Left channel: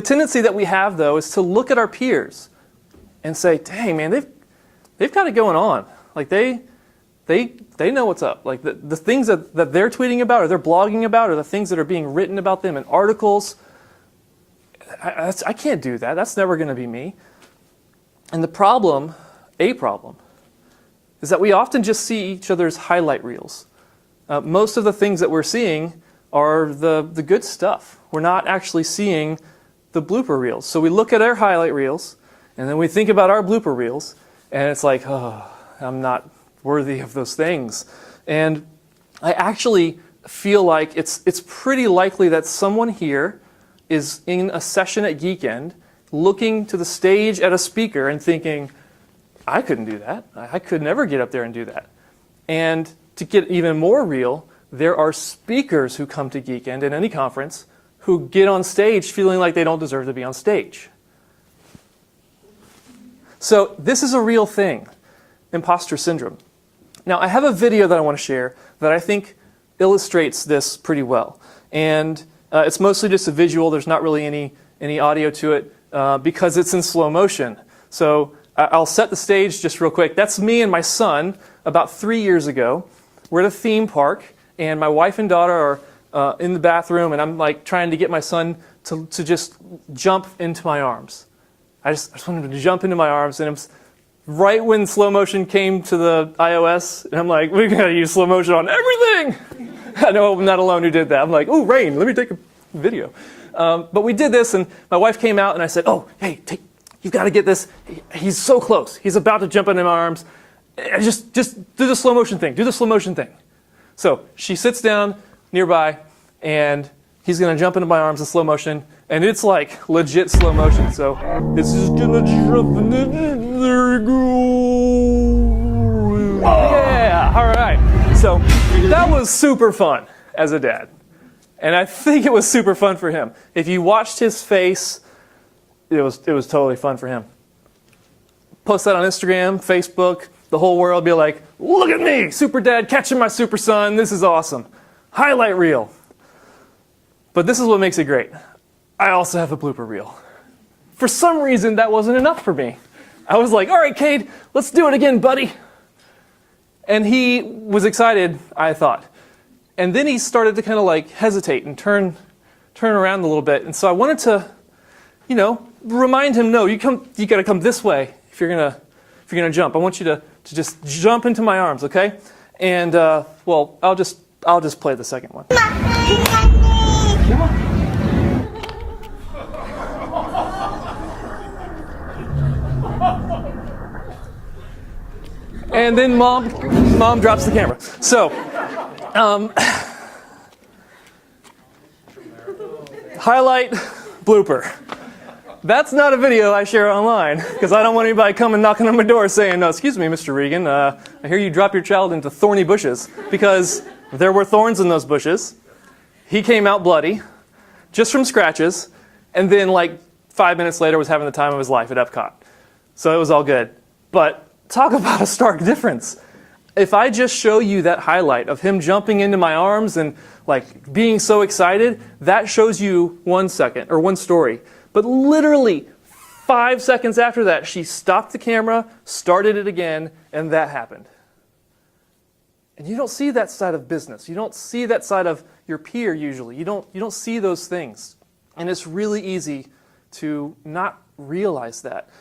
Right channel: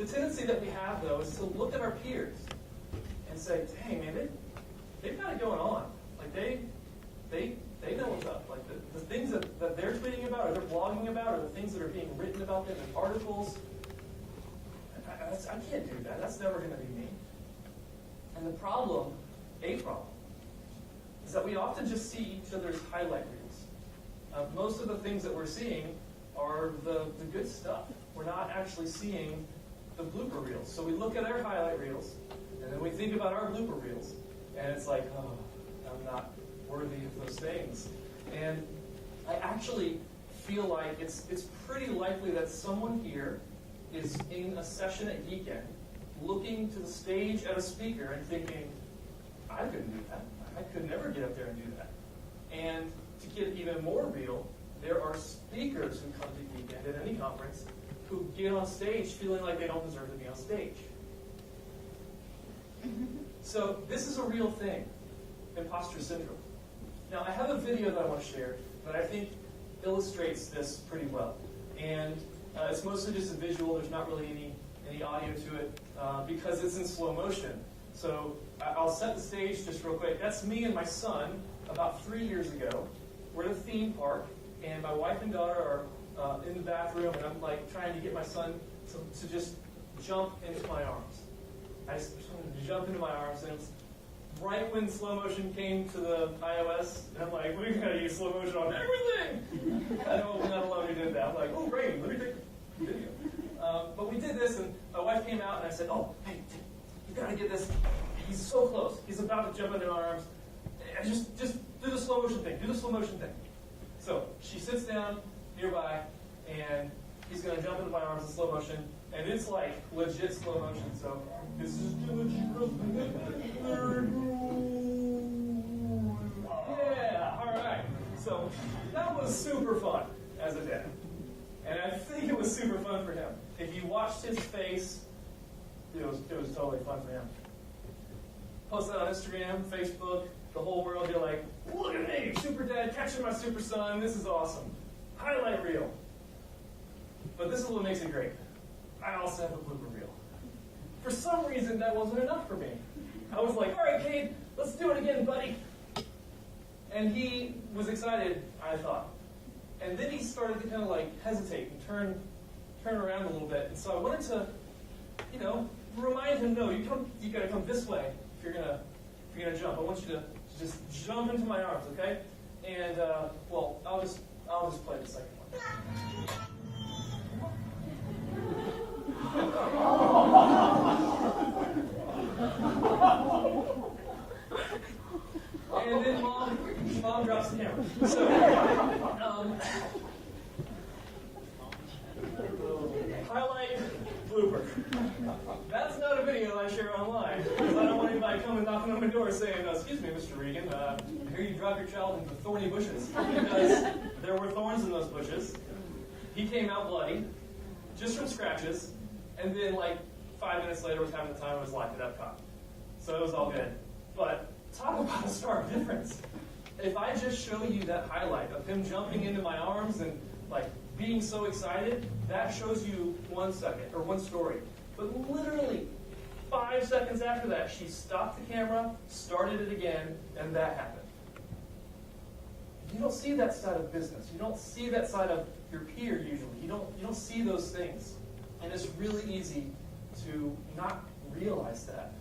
The tendency that we have, though, is to look at our peers and say, dang, man, they've got it going on. Like, they know what's up. Like, the things that they're tweeting about or they're blogging about or the things that are being written about them in articles, I can't do that. That's never going to be me. And the problem, is that we often just see each other's highlight reels. Most of the things that we're seeing are the good stuff. We're not actually seeing the blooper reels. So we look at our highlight reels, and then we think about our blooper reels, and it's like, oh, I'm not worthy of those things. And I actually feel like it's pretty likely that someone here is in a session at Geekend, looking to the stage at a speaker and thinking, I couldn't do that. I could never get up there and do that. And to get even more real, there are speakers who come to Geekend in any conference who get on stage feeling like they don't deserve to be on stage. So this is a real thing, imposter syndrome. Now, I have a video that I want to share that I think illustrates this pretty well. And it's mostly just a visual. There's not really any audio to it because it's in slow motion. So I'll set the stage just real quick. That's me and my son about 3 years ago. We're at a theme park, and my wife and daughter are in the bathroom, and I'm like trying to get my son to just jump into my arms. I just wanted him to jump into my arms, and it was right when slow motion came to the iOS, and I'm like, we're going to use slow motion on everything. I know I'm not alone who did that. I'm like, oh, rain, let me take a video. But we did this, and my wife came out, and I said, oh, hey, you've got to get this. He's so close. He's about to jump into my arms. Just do the slow motion thing. Do the slow motion thing. So she sits down nearby, and he's going to jump into my arms in slow motion. And it's like legit slow motion. So it's just going to jump in it. There you go. Yeah, all right. So that was super fun as a dad. And I think it was super fun for him. If you watched his face, it was totally fun for him. Post that on Instagram, Facebook, the whole world be like, look at me, super dad catching my super son. This is awesome. Highlight reel. But this is what makes it great. I also have a blooper reel. For some reason, that wasn't enough for me. I was like, all right, Cade, let's do it again, buddy. And he was excited, I thought. And then he started to kind of like hesitate and turn around a little bit. And so I wanted to, remind him, no, you got to come this way if you're gonna jump. I want you to just jump into my arms, okay? And well, I'll just play the second one. And then mom drops the camera. So, highlight blooper. That's not a video I share online because I don't want anybody coming knocking on my door saying, excuse me, Mr. Regan, I hear you drop your child into thorny bushes, because there were thorns in those bushes. He came out bloody, just from scratches, and then like 5 minutes later was having the time of his life at Epcot. So it was all good. But talk about a stark difference. If I just show you that highlight of him jumping into my arms and like being so excited, that shows you 1 second or one story. But literally 5 seconds after that, she stopped the camera, started it again, and that happened. And you don't see that side of business. You don't see that side of your peer usually. You don't see those things. And it's really easy to not realize that.